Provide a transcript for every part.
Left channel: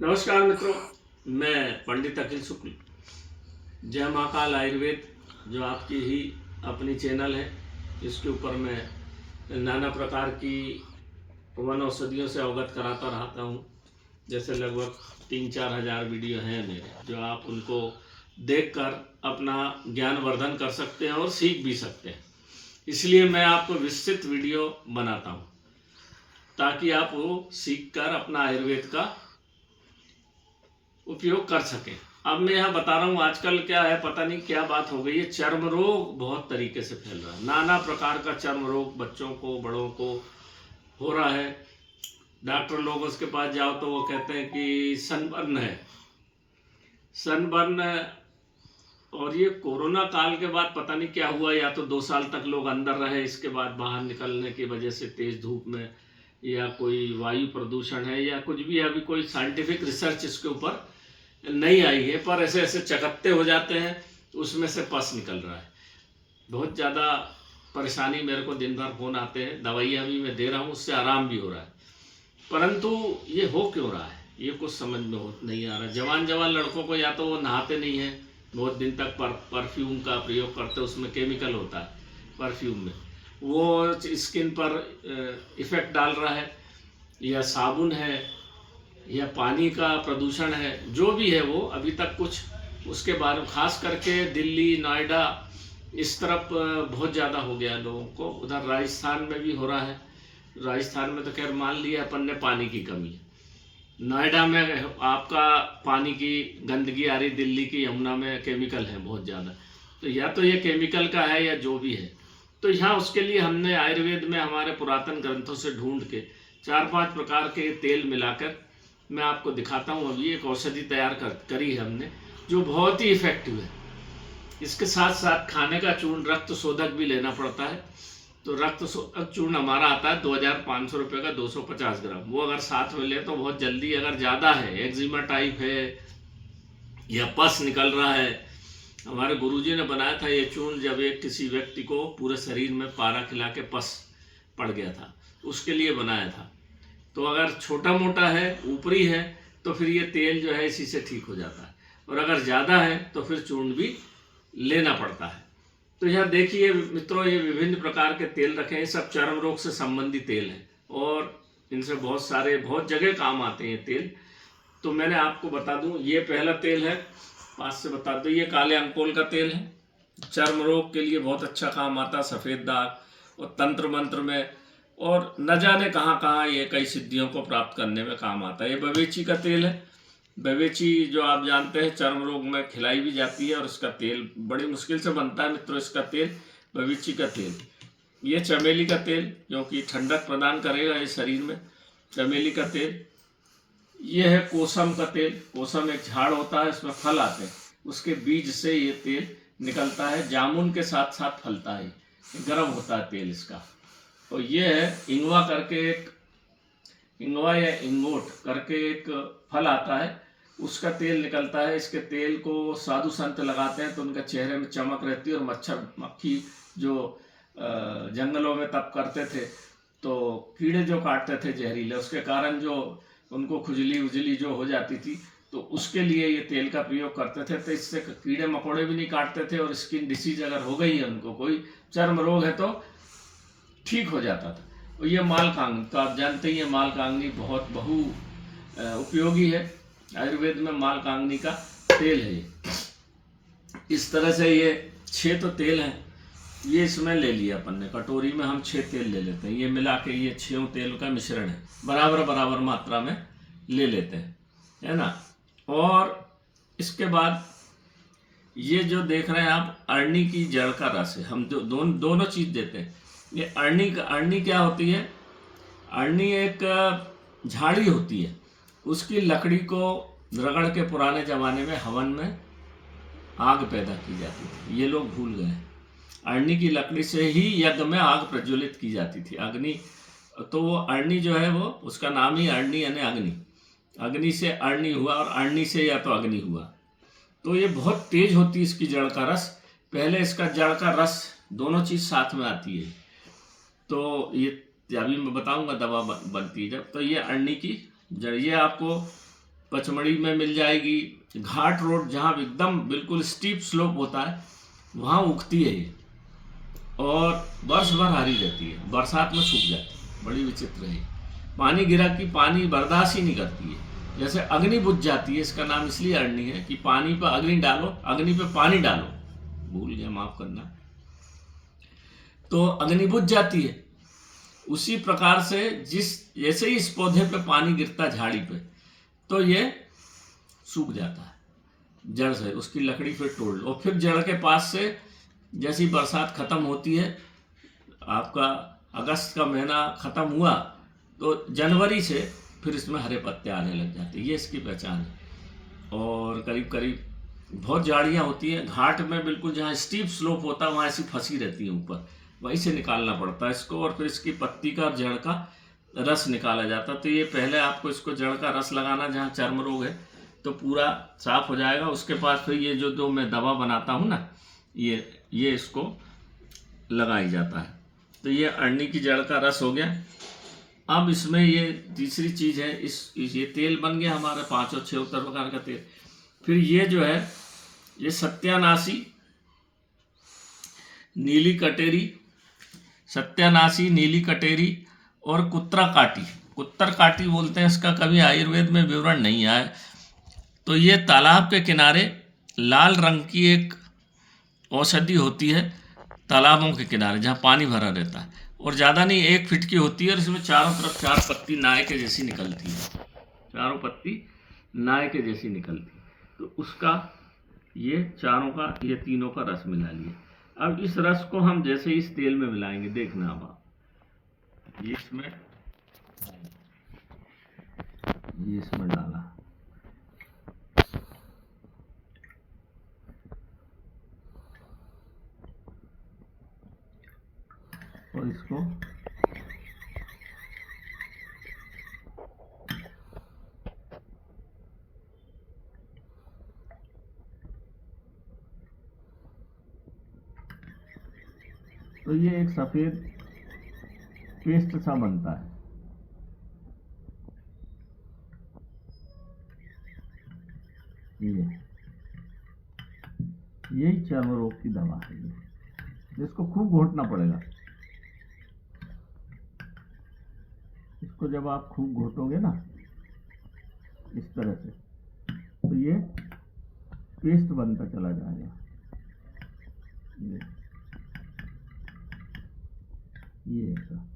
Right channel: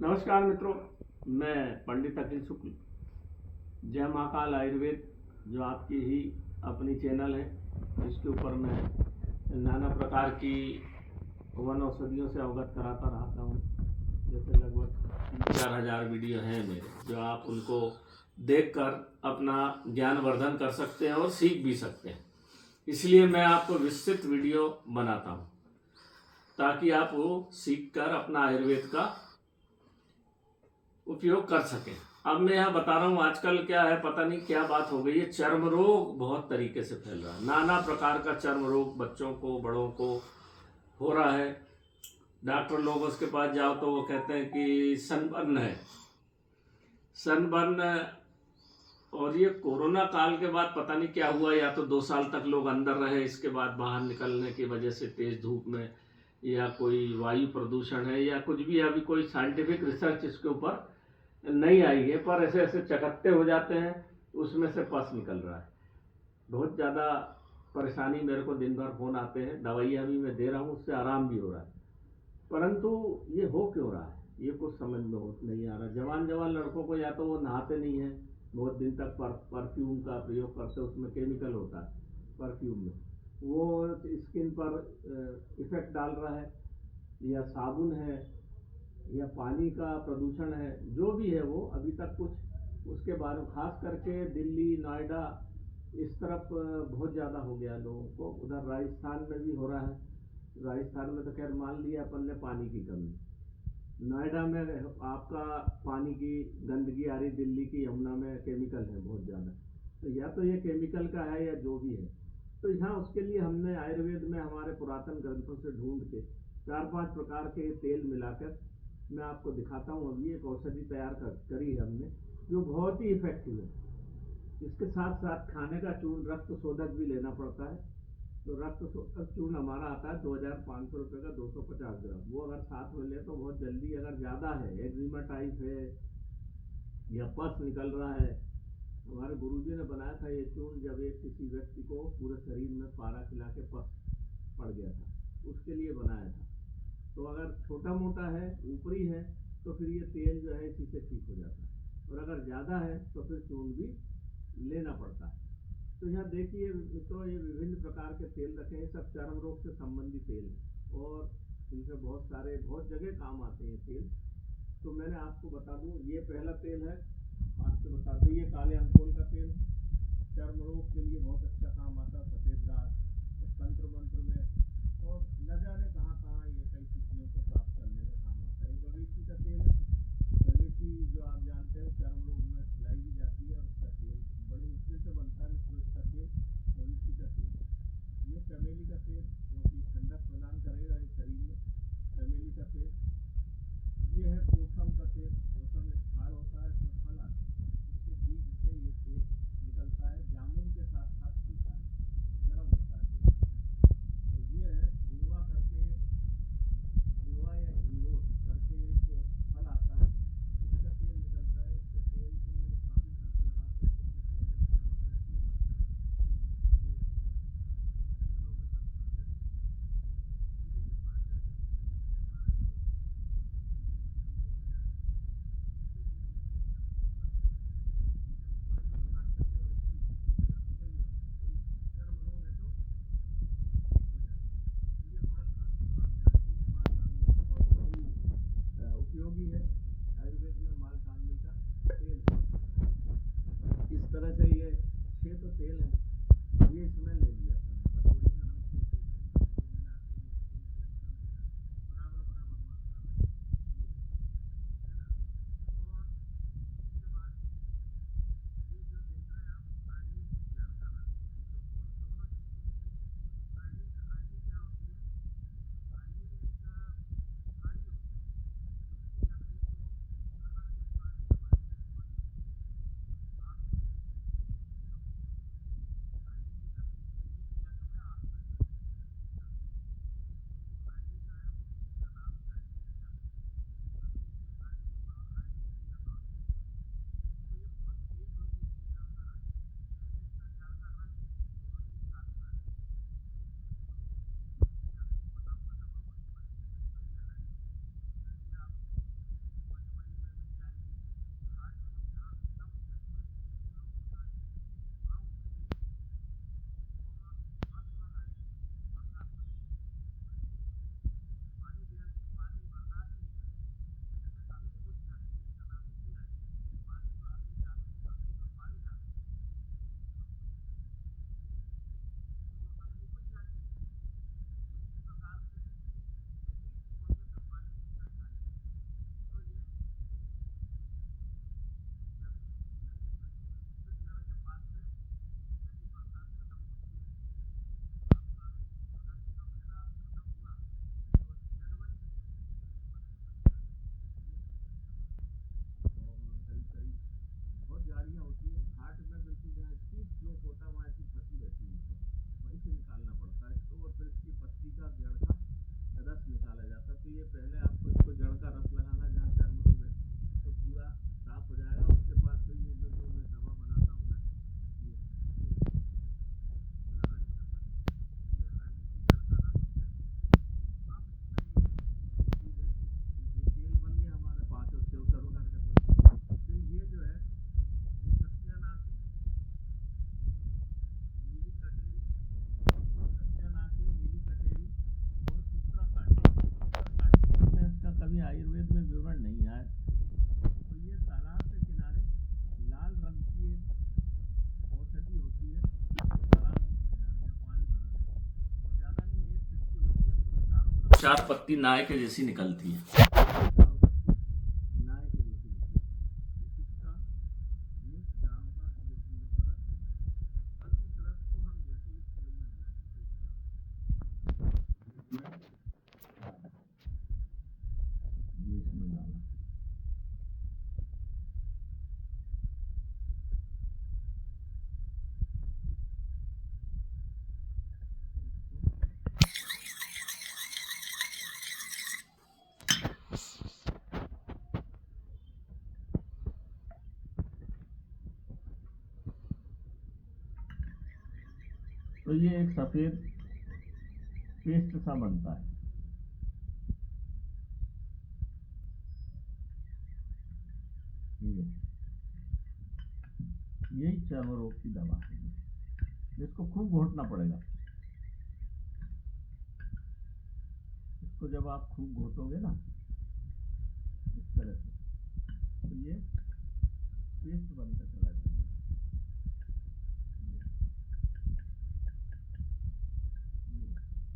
नमस्कार मित्रों, मैं पंडित अखिल शुक्ल। जय महाकाल आयुर्वेद जो आपकी ही अपनी चैनल है, इसके ऊपर मैं नाना प्रकार की वन औषधियों से अवगत कराता रहता हूँ। जैसे लगभग 3-4 हज़ार वीडियो हैं मेरे, जो आप उनको देखकर अपना ज्ञान वर्धन कर सकते हैं और सीख भी सकते हैं। इसलिए मैं आपको विस्तृत वीडियो बनाता हूँ ताकि आप वो सीख कर अपना आयुर्वेद का उपयोग कर सकें। अब मैं यहाँ बता रहा हूँ, आजकल क्या है पता नहीं क्या बात हो गई है, चर्म रोग बहुत तरीके से फैल रहा है। नाना प्रकार का चर्म रोग बच्चों को बड़ों को हो रहा है। डॉक्टर लोग उसके पास जाओ तो वो कहते हैं कि सनबर्न है, सनबर्न। और ये कोरोना काल के बाद पता नहीं क्या हुआ, या तो 2 साल तक लोग अंदर रहे, इसके बाद बाहर निकलने की वजह से तेज़ धूप में, या कोई वायु प्रदूषण है या कुछ भी, अभी कोई साइंटिफिक रिसर्च इसके ऊपर नहीं आई है, पर ऐसे ऐसे चकत्ते हो जाते हैं, उसमें से पस निकल रहा है। बहुत ज़्यादा परेशानी, मेरे को दिन भर फ़ोन आते हैं, दवाइयाँ भी मैं दे रहा हूँ, उससे आराम भी हो रहा है, परंतु ये हो क्यों रहा है ये कुछ समझ में हो नहीं आ रहा। जवान जवान लड़कों को, या तो वो नहाते नहीं हैं बहुत दिन तक, परफ्यूम का प्रयोग करते, उसमें केमिकल होता है परफ्यूम में, वो स्किन पर इफ़ेक्ट डाल रहा है, या साबुन है, या पानी का प्रदूषण है, जो भी है वो अभी तक कुछ उसके बारे में, खास करके दिल्ली नोएडा इस तरफ बहुत ज़्यादा हो गया लोगों को। उधर राजस्थान में भी हो रहा है। राजस्थान में तो खैर मान लिया अपन ने पानी की कमी, नोएडा में आपका पानी की गंदगी आ रही, दिल्ली की यमुना में केमिकल है बहुत ज़्यादा। तो या तो ये केमिकल का है या जो भी है। तो यहाँ उसके लिए हमने आयुर्वेद में हमारे पुरातन ग्रंथों से ढूंढ के 4-5 प्रकार के तेल मिलाकर मैं आपको दिखाता हूँ। अभी एक औषधि तैयार करी है हमने, जो बहुत ही इफ़ेक्टिव है। इसके साथ साथ खाने का चूर्ण, रक्त शोधक भी लेना पड़ता है। तो रक्त शोधक चूर्ण हमारा आता है 2500 रुपये का, 250 ग्राम। वो अगर साथ में ले तो बहुत जल्दी, अगर ज़्यादा है, एक्जिमा टाइप है या पस निकल रहा है। हमारे गुरुजी ने बनाया था ये चूर्ण, जब एक किसी व्यक्ति को पूरे शरीर में पारा खिला के पस पड़ गया था, उसके लिए बनाया था। तो अगर छोटा मोटा है, ऊपरी है, तो फिर ये तेल जो है इसी से ठीक हो जाता है, और अगर ज़्यादा है तो फिर चूर्ण भी लेना पड़ता है। तो यहाँ देखिए मित्रों, ये विभिन्न प्रकार के तेल रखे हैं, सब चर्म रोग से संबंधित तेल हैं, और इनसे बहुत जगह काम आते हैं तेल। तो मैंने आपको बता दूं, ये पहला तेल है, पास से बता दूं, ये काले अंकोल का तेल है, चर्म रोग के लिए बहुत अच्छा काम आता, सफ़ेद दाग और तंत्र मंत्र में, और न जाने कहाँ कहाँ ये कई सिद्धियों को प्राप्त करने में काम आता है। ये बवेची का तेल है। बवेची जो आप जानते हैं चर्म रोग में खिलाई भी जाती है, और इसका तेल बड़ी मुश्किल से बनता है मित्रों, इसका तेल बवेची का तेल। ये चमेली का तेल, क्योंकि ठंडक प्रदान करेगा इस शरीर में, चमेली का तेल। ये है कोसम का तेल। कोसम एक झाड़ होता है, इसमें फल आते हैं, उसके बीज से ये तेल निकलता है, जामुन के साथ साथ फलता है, गर्म होता है तेल इसका। और ये है इंगवा करके एक, इंगवा या इंगोट करके एक फल आता है, उसका तेल निकलता है। इसके तेल को साधु संत लगाते हैं तो उनके चेहरे में चमक रहती है, और मच्छर मक्खी जो जंगलों में तप करते थे, तो कीड़े जो काटते थे जहरीले, उसके कारण जो उनको खुजली उजली जो हो जाती थी, तो उसके लिए ये तेल का प्रयोग करते थे। तो इससे कीड़े मकोड़े भी नहीं काटते थे, और स्किन डिसीज अगर हो गई है उनको, कोई चर्म रोग है, तो ठीक हो जाता था। और ये मालकांगनी, तो आप जानते ही हैं मालकांगनी बहुत उपयोगी है। आयुर्वेद में मालकांगनी का तेल है। इस तरह से ये 6 तो तेल हैं, ये इसमें ले लिया अपन ने, कटोरी में हम 6 तेल ले लेते हैं। ये मिला के ये 6 तेल का मिश्रण है, बराबर मात्रा में ले लेते हैं, है ना। और इसके बाद ये जो देख रहे हैं आप, अरणी की जड़ का रस है, हम जो दोनों चीज़ देते हैं। ये अरणी क्या होती है? अरणी एक झाड़ी होती है, उसकी लकड़ी को रगड़ के पुराने ज़माने में हवन में आग पैदा की जाती थी, ये लोग भूल गए। अरणी की लकड़ी से ही यज्ञ में आग प्रज्वलित की जाती थी, अग्नि। तो वो अरणी जो है, वो उसका नाम ही अरणी यानी अग्नि, अग्नि से अरणी हुआ, और अरणी से या तो अग्नि हुआ। तो ये बहुत तेज होती है इसकी जड़ का रस। पहले इसका जड़ का रस, दोनों चीज़ साथ में आती है, तो ये अभी मैं बताऊंगा दवा बनती है जब। तो ये अरणी की जड़, ये आपको पचमढ़ी में मिल जाएगी। घाट रोड जहाँ एकदम बिल्कुल स्टीप स्लोप होता है वहाँ उगती है ये, और वर्ष भर हरी रहती है, बरसात में सूख जाती है। बड़ी विचित्र है। पानी गिरा कि पानी बर्दाश्त ही नहीं करती है, जैसे अग्नि बुझ जाती है। इसका नाम इसलिए अरणी है कि पानी पर अग्नि डालो, अग्नि पे पानी डालो, भूल गया माफ करना, तो अग्नि बुझ जाती है। उसी प्रकार से जैसे ही इस पौधे पे पानी गिरता झाड़ी पे, तो ये सूख जाता है जड़ से। उसकी लकड़ी फिर तोड़ लो, और फिर जड़ के पास से जैसी बरसात खत्म होती है, आपका अगस्त का महीना खत्म हुआ तो जनवरी से फिर इसमें हरे पत्ते आने लग जाते हैं। ये इसकी पहचान है। और करीब करीब बहुत झाड़ियाँ होती हैं घाट में, बिल्कुल जहाँ स्टीप स्लोप होता है वहाँ ऐसी फंसी रहती है ऊपर, वहीं से निकालना पड़ता है इसको, और फिर इसकी पत्ती का जड़ का रस निकाला जाता है। तो ये पहले आपको इसको जड़ का रस लगाना, जहाँ चर्म रोग है तो पूरा साफ हो जाएगा। उसके बाद फिर ये जो मैं दवा बनाता हूँ ना, ये इसको लगाई जाता है। तो ये अरणी की जड़ का रस हो गया। अब इसमें ये तीसरी चीज़ है, ये तेल बन गया हमारा 5 और 6 प्रकार का तेल। फिर ये जो है ये सत्यानाशी, नीली कटेरी, सत्यानाशी, नीली कटेरी और कुत्तर काटी बोलते हैं इसका, कभी आयुर्वेद में विवरण नहीं आया। तो ये तालाब के किनारे लाल रंग की एक औषधि होती है, तालाबों के किनारे जहाँ पानी भरा रहता है, और ज़्यादा नहीं 1 फीट की होती है, और इसमें चारों तरफ 4 पत्ती नाय के जैसी निकलती है, चारों पत्ती नाय के जैसी निकलती है। तो उसका ये चारों का, ये तीनों का रस मिला लिया। अब इस रस को हम जैसे इस तेल में मिलाएंगे, देखना अब आप, ये इसमें डाला, और इसको तो ये एक सफ़ेद पेस्ट सा बनता है। यही चर्म रोग की दवा है, जिसको खूब घोटना पड़ेगा। इसको जब आप खूब घोटोगे ना इस तरह से, तो ये पेस्ट बनता चला जाएगा। ये ऐसा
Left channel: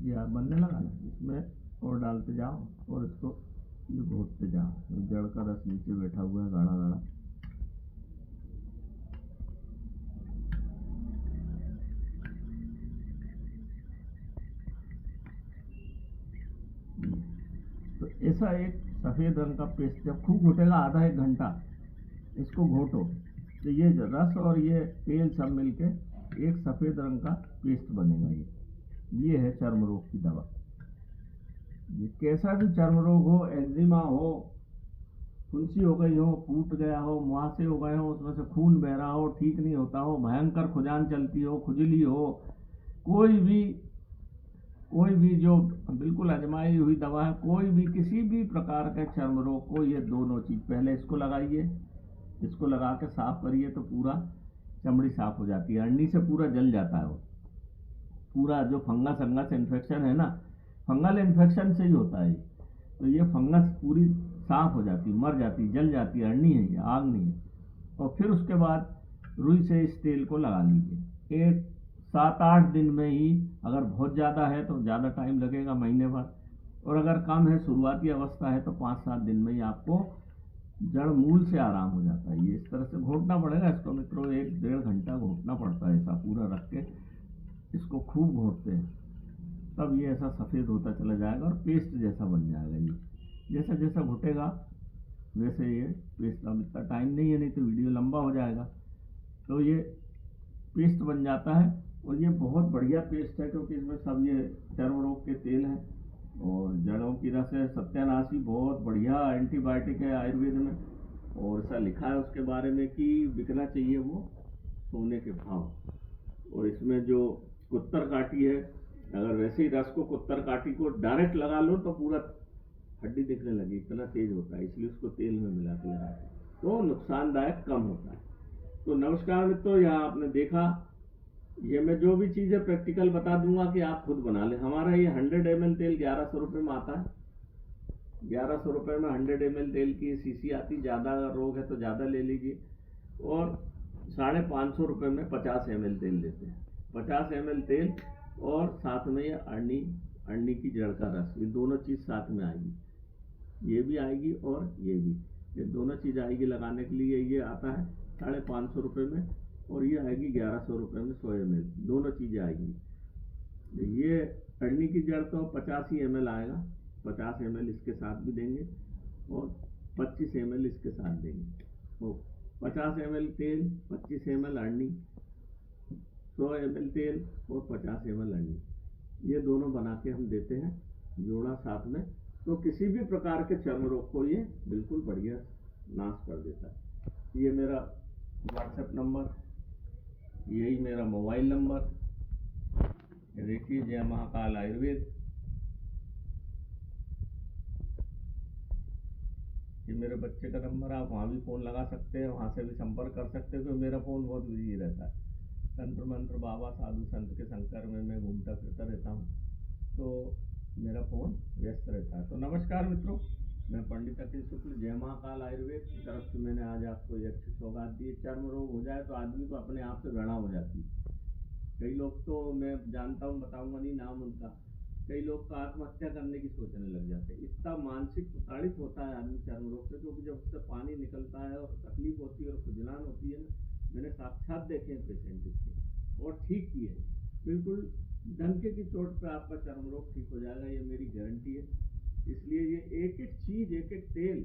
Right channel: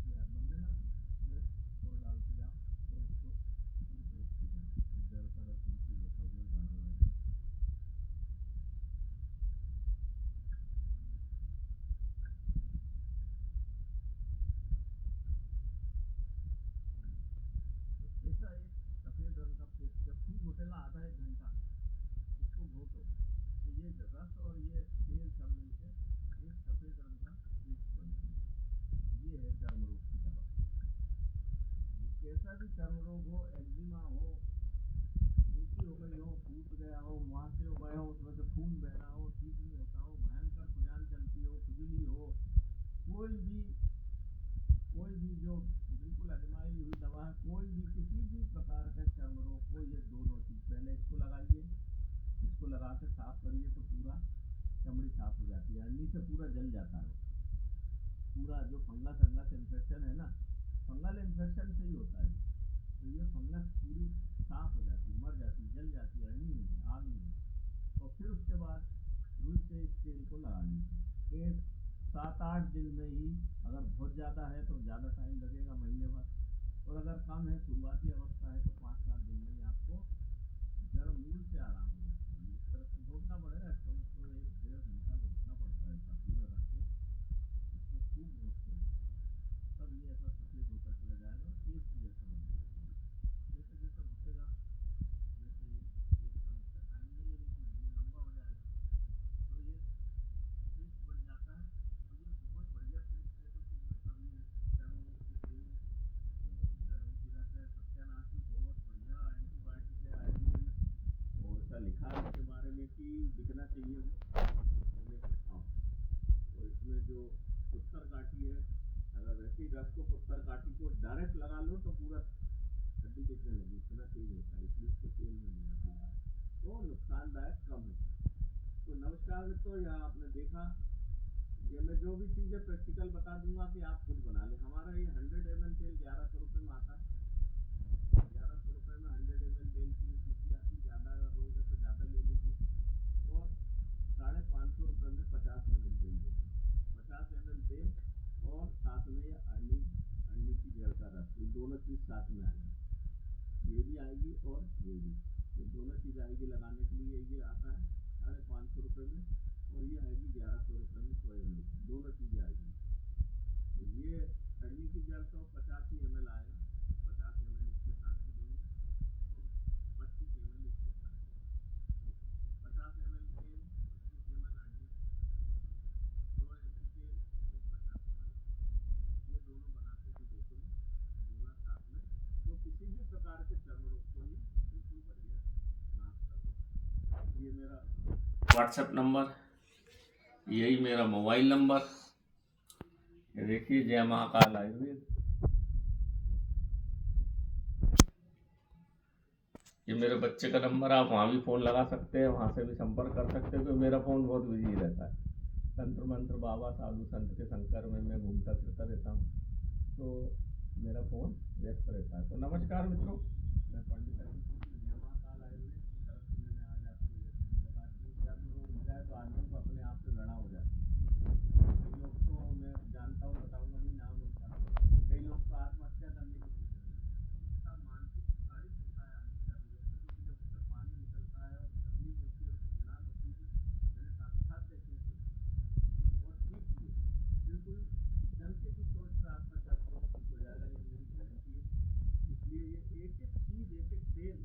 ये आप बनने लगा ना, इसमें और डालते जाओ, और इसको ये घोटते जाओ। तो जड़ का रस नीचे बैठा हुआ है गाढ़ा गाढ़ा। तो ऐसा एक सफ़ेद रंग का पेस्ट जब खूब घोटेगा, आधा 1 घंटा इसको घोटो, तो ये रस और ये तेल सब मिलके एक सफ़ेद रंग का पेस्ट बनेगा। ये है चर्म रोग की दवा। ये कैसा भी चर्म रोग हो, एक्जिमा हो, फुंसी हो गई हो, फूट गया हो, मुहासे हो गए हो, उसमें से खून बह रहा हो, ठीक नहीं होता हो, भयंकर खुजान चलती हो, खुजली हो, कोई भी जो बिल्कुल आजमाई हुई दवा है, कोई भी किसी भी प्रकार के चर्म रोग को, ये दोनों चीज़ पहले इसको लगाइए, इसको लगा के साफ करिए तो पूरा चमड़ी साफ हो जाती है। अरणी से पूरा जल जाता है वो, पूरा जो फंगस इन्फेक्शन है ना, फंगल इन्फेक्शन से ही होता है। तो ये फंगस पूरी साफ हो जाती, मर जाती, जल जाती है। अरणी है ये, आग नहीं है। और फिर उसके बाद रुई से इस तेल को लगा लीजिए। एक 7-8 दिन में ही, अगर बहुत ज़्यादा है तो ज़्यादा टाइम लगेगा, महीने भर, और अगर कम है, शुरुआती अवस्था है, तो 5-7 दिन में ही आपको जड़ मूल से आराम हो जाता है। ये इस तरह से घोटना पड़ेगा इसको मित्रों, 1-1.5 घंटा घोटना पड़ता है, ऐसा पूरा रख के इसको खूब घोटते हैं, तब ये ऐसा सफ़ेद होता चला जाएगा और पेस्ट जैसा बन जाएगा। ये जैसा जैसा घुटेगा वैसे ये पेस्ट, अब इतना टाइम नहीं है, नहीं तो वीडियो लंबा हो जाएगा। तो ये पेस्ट बन जाता है, और ये बहुत बढ़िया पेस्ट है, क्योंकि इसमें सब ये चर्म रोग के तेल हैं और जड़ों की रस है। सत्यानाशी बहुत बढ़िया एंटीबायोटिक है आयुर्वेद में, और ऐसा लिखा है उसके बारे में कि बिकना चाहिए वो सोने के भाव। और इसमें जो कुत्तर काटी है, अगर वैसे ही रस को कुत्तर काटी को डायरेक्ट लगा लो तो पूरा हड्डी दिखने लगी, इतना तेज होता है, इसलिए उसको तेल में मिला के लगाते हैं, तो नुकसानदायक कम होता है। तो नमस्कार मित्रों, यहाँ आपने देखा, ये मैं जो भी चीज़ें प्रैक्टिकल बता दूंगा कि आप खुद बना लें। हमारा ये 100 ml तेल 1100 रुपये में आता है। 1100 रुपये में 100 ml तेल की शीशी आती। ज़्यादा रोग है तो ज़्यादा ले लीजिए। और 550 रुपये में 50 ml तेल देते हैं। 50 ml तेल और साथ में ये अरंडी की जड़ का रस, ये दोनों चीज़ साथ में आएगी। ये भी आएगी और ये दोनों चीज़ आएगी लगाने के लिए। ये आता है 550 रुपये में, और ये आएगी 1100 रुपये में 100 ml, दोनों चीज़ें आएगी। ये अरंडी की जड़ तो 50 ही ml आएगा, 50 ml इसके साथ भी देंगे और 25 ml इसके साथ देंगे। तो 50 ml तेल, 25 ml अरंडी, 100 ml तेल और 50 ml अरंडी, ये दोनों बना के हम देते हैं जोड़ा साथ में। तो किसी भी प्रकार के चर्म रोग को ये बिल्कुल बढ़िया नाश कर देता है। ये मेरा व्हाट्सएप नंबर, यही मेरा मोबाइल नंबर, ये देखिए, जय महाकाल आयुर्वेद। ये मेरे बच्चे का नंबर, आप वहाँ भी फ़ोन लगा सकते हैं, वहाँ से भी संपर्क कर सकते हैं, क्योंकि मेरा फ़ोन बहुत बिजी रहता है। तंत्र मंत्र बाबा साधु संत के संकर में मैं घूमता फिरता रहता हूँ, तो मेरा फ़ोन व्यस्त रहता है। तो नमस्कार मित्रों, मैं पंडित अखिल शुक्ल, जय महाकाल आयुर्वेद की तरफ से मैंने आज आपको एक अच्छी सौगात दी। चर्म रोग हो जाए तो आदमी को अपने आप से घृणा हो जाती है। कई लोग तो मैं जानता हूँ, बताऊँगा नहीं नाम उनका, कई लोग तो आत्महत्या करने की सोचने लग जाते हैं। इतना मानसिक प्रताड़ित होता है आदमी चर्म रोग से, क्योंकि जब उससे पानी निकलता है और तकलीफ होती है और खुजलान होती है ना, मैंने साक्षात देखे हैं पेशेंट इसके, और ठीक किए हैं। बिल्कुल डंके की चोट पे आपका चर्म रोग ठीक हो जाएगा, ये मेरी गारंटी है। इसलिए ये एक एक चीज़, एक एक तेल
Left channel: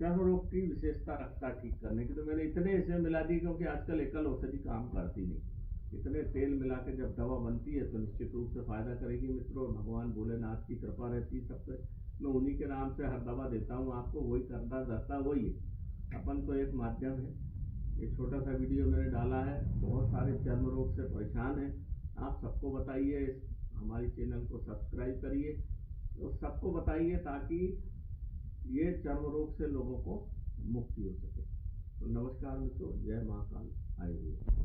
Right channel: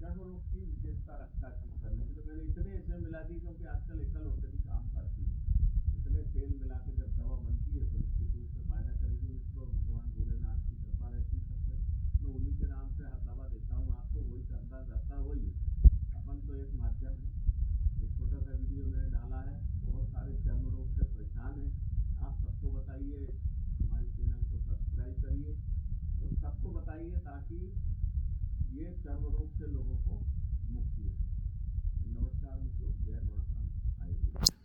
चर्म रोग की विशेषता रखता है ठीक करने की। तो मैंने इतने ऐसे मिला दी, क्योंकि आजकल एकल औषधि काम करती नहीं। इतने तेल मिला के जब दवा बनती है तो निश्चित रूप से फायदा करेगी मित्रों। भगवान भोलेनाथ की कृपा रहती है सब पे। मैं उन्हीं के नाम से हर दवा देता हूँ आपको, वही करता रहता, वही है। अपन तो एक माध्यम है। एक छोटा सा वीडियो मैंने डाला है, बहुत सारे चर्म रोग से परेशान हैं, आप सबको बताइए, हमारी चैनल को सब्सक्राइब करिए और सबको बताइए, ताकि ये चर्म रोग से लोगों को मुक्ति हो सके। तो नमस्कार मित्रों, जय महाकाल आयुर्वेद।